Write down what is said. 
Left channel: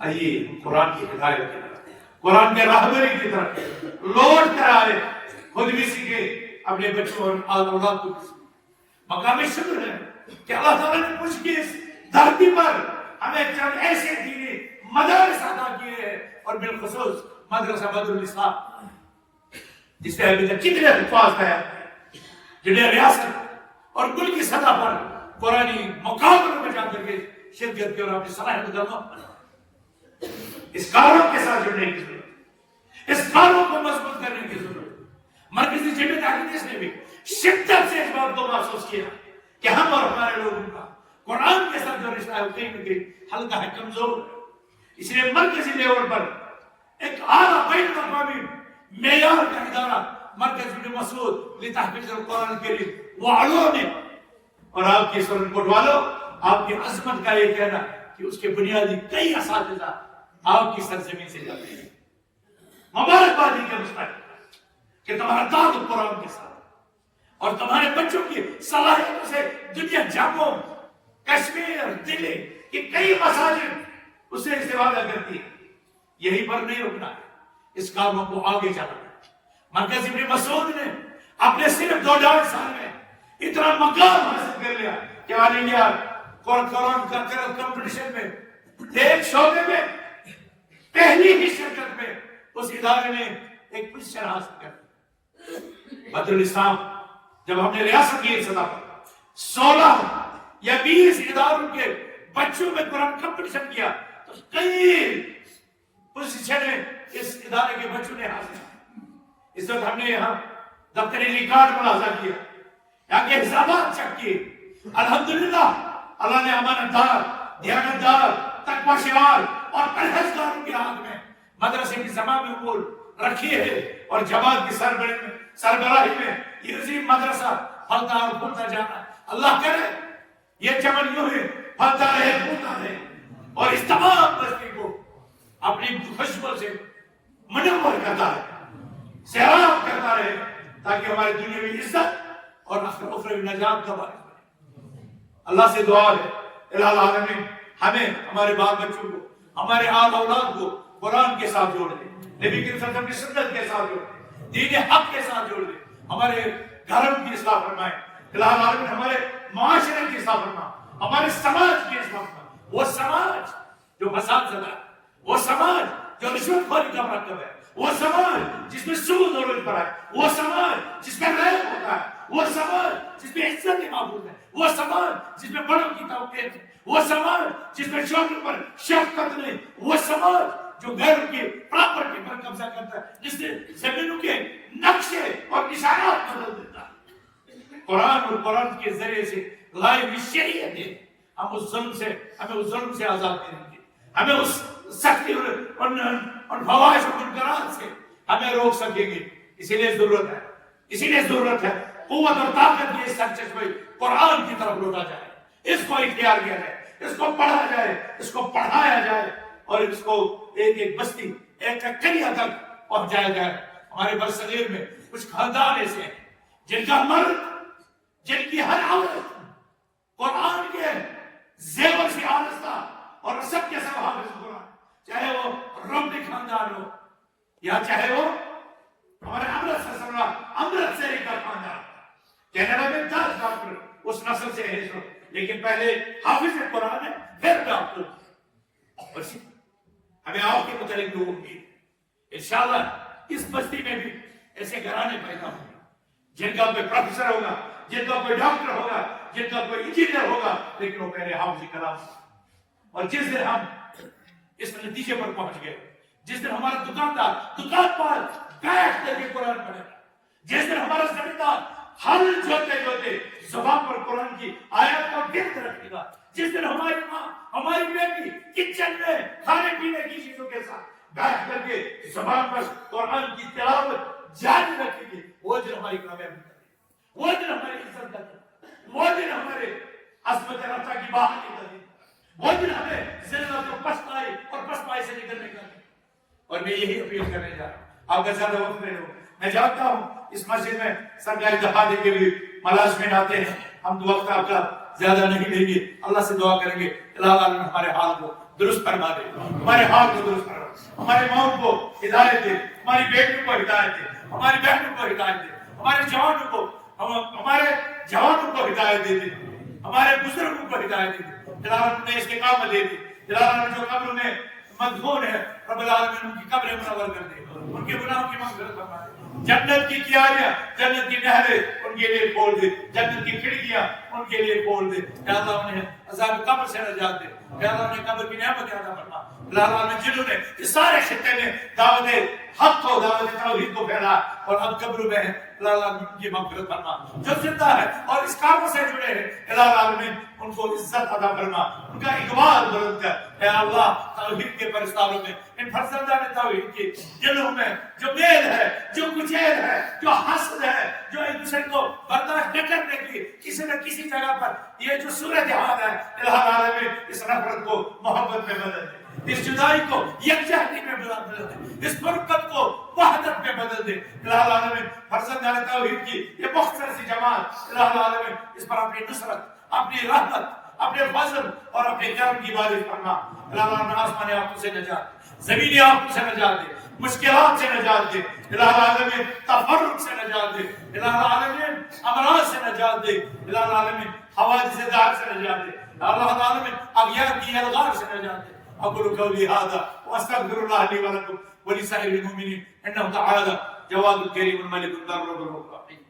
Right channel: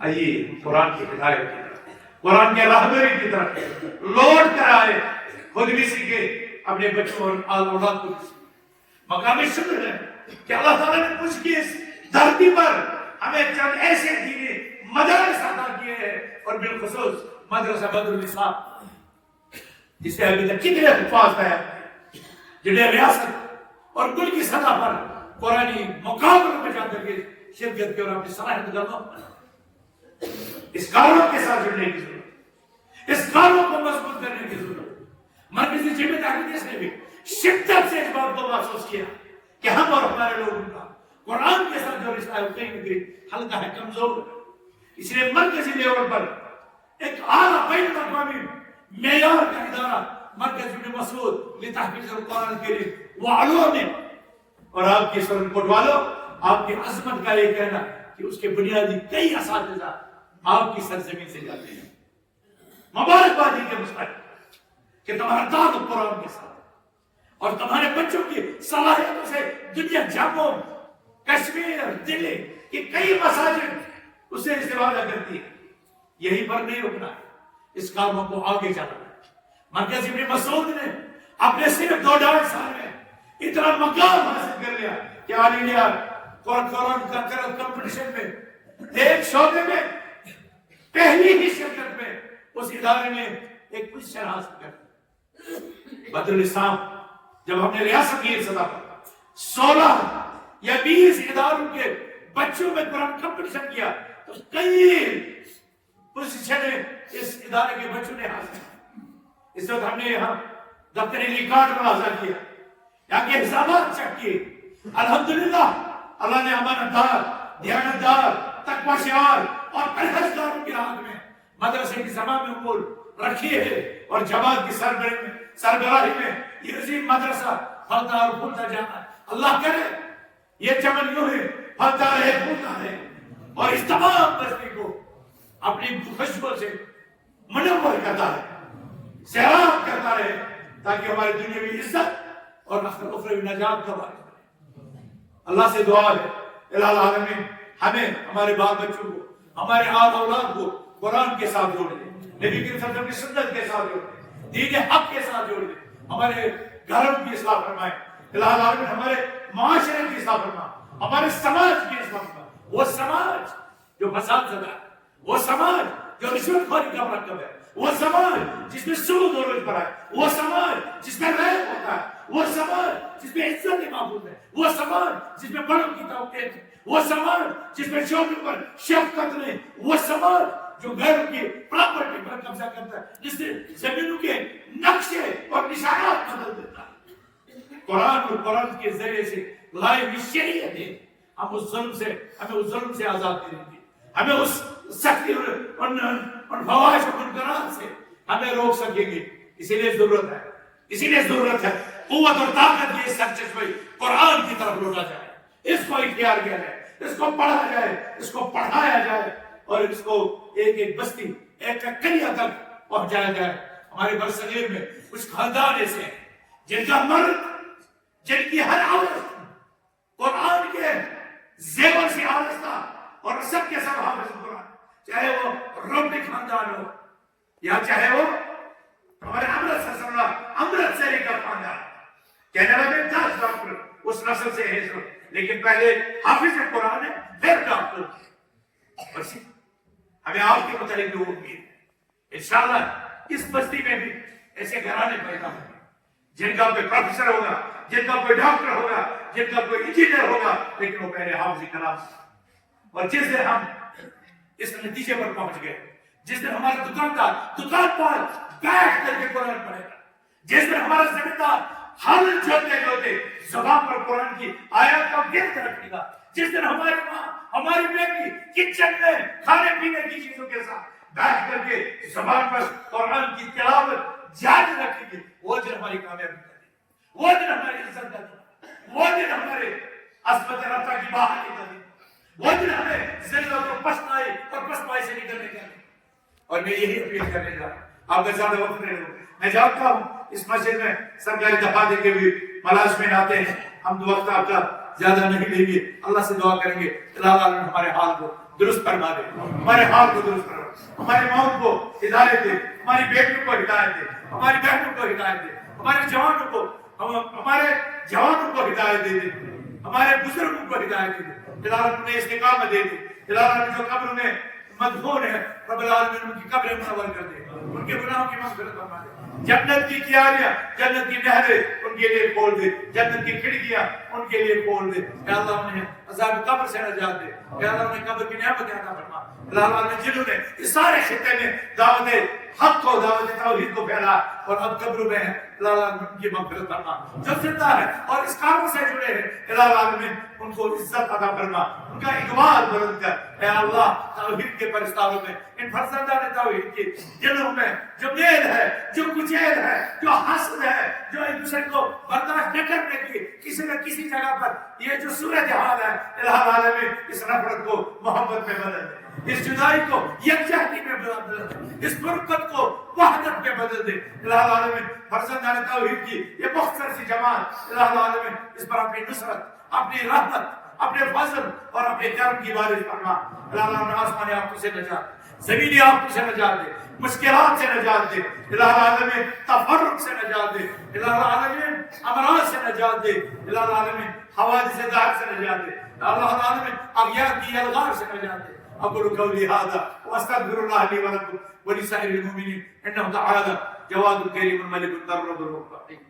آئیے قرآن کی ہدایت کی طرف، قرآن کے رہبری کی طرف لوٹ کر آئے، خود بھی سیکھے، اپنے بچوں اور اولاد کو بھی سیکھے۔ مقام شکر ہے کہ اللہ تعالیٰ نے کچھ کی اس دھرتی پر ہمیں چند ایسے دینی مدارس عطا کیے ہیں، اور بالخصوص مدرسہ بدر النساء، جس سے ابھی تک کتنے حفاظ ہیں جنہیں ریاست اور ملک کی سطح پر قرآنی مقابلوں میں جا کر کے شرکت کی اور اپنی صلاحیت کا اس کاروں کے ساتھ جڑنے کی ضرورت ہے، اس کاروں کو مضبوط کرنے کی ضرورت ہے۔ مرکزی ذمہ داری نے بھی شدت سے اس بات کو محسوس کیا کہ ہم اور ہمارے لوگوں کا قرآن کے ساتھ جو رشتہ ہے کہیں نہ کہیں ہلکا ہے، کمزور ہے۔ اس لیے مرکزی لیول پر ایک اعلیٰ بین الاقوامی معیار کا ادارہ مرکز ابن مسعود لتحفیظ القرآن الکریم وعلومہ نے، اور آپ کے سرن کوٹ والوں، آپ کی عظمت کا یہ کہنا کہ اس کے بنیادی کئی اساتذہ آپ کی سرزمین سے جاتے ہیں۔ مبارکباد کے مستحق کہ تمہارا تعلق قرآن کے ساتھ اور تمہارے بچوں کی صلاحیتوں سے دنیا جاموں، کشمیر، دلی کی کئی مساجد اس سے استفادہ کرتی ہے۔ یہی پر نہیں رکنا ہے، اس کاموں کو آگے جانا ہے۔ مرکز ابن مسعود نے اپنے صرف 2.5 سال میں اتنا مقام حاصل کر لیا کہ آل انڈیا قرآن کلچرل کمپٹیشن میں ایک شعبے میں پہلی ہی شرکت میں اس ادارے نے ایک پوزیشن حاصل کر۔ بدر الاسلام جب ہم نے ریاست کی سطح پر 16 یا 20 اداروں کے بچوں میں قرآن کمپٹیشن کیا تو کئی پوزیشنیں اس ادارے کے بچوں نے حاصل کی۔ اس وقت ہم نے یہاں دفتری ریکارڈ ملاحظہ کیا، یہاں کے حسابات چیک کیے، الحمدللہ اللہ نے امانتدار، دیانتدار، تقوی شعار اور پرہیزگاروں کے ہاتھ میں مدرسے کی زمامی امور رکھی ہے، اور جماعت کی سربراہی میں یہ عظیم مدرسہ پھلتا اور پھولتا جانا ہے۔ اللہ کرے یہ چمن یوں ہے پھلتا ہے پھولتا ہے، اور اس تمام بستی کو اپنی خوشبو سے منور کرتا ہے، سیراب کرتا رہے، تاکہ ہماری دنیاوی عزت اور اخروی نجات کا باعث بنے۔ اللہ سے دعا ہے الہ العالمین ہمیں، ہمارے بال بچوں کو، ہمارے آل اولاد کو قرآن کے ساتھ جوڑ دے، نبی کی سنت کی سنت کے ساتھ جوڑ دے، دین حق کے ساتھ جوڑ دے، ہمارے گھروں کی اصلاح فرمائے الہ العالمین، ہمارے معاشرے کی اصلاح فرمائے، ہمارے سماج کی اصلاح فرمائے۔ وہ سماج جو فساد زدہ ہے، وہ سماج جو رشوت خوری کا مرکب ہے، وہ سماج جس میں سود دولت پر ہے، وہ سماج جس میں ریپ ہوتا ہے، وہ سماج جس میں عزت محفوظ ہے، وہ سماج جس میں بڑوں کی توقیر ہے، وہ سماج جس میں چھوٹوں پر شفقت نہیں، وہ سماج جو غیروں کی پراپرٹی پر قبضہ کرتا ہے، جس سے زمینوں کے نقشے اور نشانات بدل دیتا ہے۔ قرآن اور قرآن کے ذریعے سے لائی ہوئی شریعت ہے، ہمیں اس ظلم سے آزاد کریں گے، ہمیں اس سختی اور فواحش و منکرات سے ہمیں روک سکیں گے۔ اسی لیے ضرورت ہے قوت اور طاقت کی سرچشمہ قرآن کی طرف لوٹا جائے، اس کو اختیار کیا جائے، اس کو پڑھا جائے، اس کو پڑھایا جائے، اور اس کو ایک ایک بستی، ایک ایک قریہ تک پہنچایا جائے۔ ہمارے برصغیر میں کچھ خاندان ایسے ہیں جن کا مرد، جن کی ہر عورت قرآن کے زیور سے آرستہ اور سب کے سب حافظ قرآن، چاہے وہ رومنی خاندان ہو یا چاہے وہ ہمارے امرتسری کا خاندان، کینیڈا میں 10 ڈاکٹر اس نسل سے ہیں، لیکن پہلے حافظ قرآن ہے پھر ڈاکٹر۔ اور ہمیں آپ کے متعلق بھی امید ہے انشاءاللہ اس بستی میں بھی ایسے گھرانے پیدا ہوں گے جن کا کوئی پروفیسر ہوگا، جن کا کوئی ڈاکٹر ہوگا، جن کا کوئی انجینئر ہوگا، لیکن وہ پہلے حافظ کلام۔ اور جس دن ہم اس نتیجے پر پہنچ گئے، جس دن ہمارا دکاندار دکان پر بیٹھ کر کے قرآن پڑھے گا، جس دن ہمارا زمیندار ہل جوتے زبان پر قرآن کی آیات کو گرد رکھے گا، جس دن ہماری ماں، ہماری بیٹی کچن میں کھانے پینے کی چیزوں کے ساتھ بیٹھ کر کے زبان پر قرآن کی تلاوت جاری رکھیں گے، وہ دن ہماری کامیابی کرے، وہ دن ہماری عزت کرے، وہ دن ہمارے عظمت رفتہ کی بحالی کرے، وہ دن ہمیں ذلت اور پسپائی سے نکلنے کا۔ اور میں یہی اپیل کرنے جا رہا ہوں، آپ کا زیادہ وقت نہیں لوں، میں جانتا ہوں اس مسجد میں سرکاری دفاتر کے بھی ملازمین آتے ہیں، ہم وقت آپ کا زیادہ نہیں لیں گے، اللہ سے دعا کریں گے الہ العالمین ہمارے حال کو درست فرما دے، ہمارے حال کو درست فرما دے، ہمارے ماؤں کو ہدایت دے، ہماری بیٹیوں کو ہدایت دے، ہماری بہنوں کو ہدایت دے، ہمارے جوانوں کو ہدایت دے دے، ہمارے بزرگوں کو ہدایت دے دے، العالمین میں استقامت دے دے، العالمین جو قبر میں مدفون ہے رب العالمین ان کی قبر منور کر دے، ان کے گناہوں کی مغفرت فرما دے، جنت کی کیاریاں، جنت کی نہریں ان کے لیے کھول دے، جنت کی کھڑکیاں ان کے لیے کھول دے، یا اللہ انہیں عذاب قبر سے نجات دے، یا اللہ انہیں قبر کی نعمت عطا فرما، یا اللہ انہیں جنہوں نے اس سارے خطے میں دعوت حق کو، دعوت توحید کو پھیلا اور اب قبر میں ہے، اللہ ان کی مغفرت فرما، جو زندہ ہے اور اس کام سے جڑے ہیں اللہ العالمین ان کو عزت عطا فرما، ان کا اقبال بلند کر، اے اللہ توحید کے پرستاروں میں، ان فرزندان توحید کے دلوں میں جو میل ہے، جو کچیل ہے، جو حسد ہے، جو ایک دوسرے کو برداشت نہ کرنے کی کسی نہ کسی جگہ پر یہ جو صورتحال ہے الہ العالمین اس نفرت کو محبت میں بدل دے، اس جدائی کو یکجہتی میں بدل دے، اس فرقت کو وحدت میں بدل دے، الہ العالمین فرزندان توحید کی یہ مختصر سی جماعت الہ العالمین اس پر اپنی نصرت، اپنی رحمت، اپنے فضل اور اپنے کرم کی بارش فرما، الہ العالمین آسمانی آفتوں سے نجات، زمینی آفتوں سے نجات دے، مشکلات سے نجات دے، الہ العالمین تفرق سے نجات دے، الہ العالمین امراض سے نجات دے، الہ العالمین حوادث دار سے نجات دے، الہ العالمین اغیار کی الغار سے نجات دے۔ اقول قولي هذا واستغفر الله لي ولكم ولسائر المؤمنين انه تعالى جواد كريم ملك البر والرحيم۔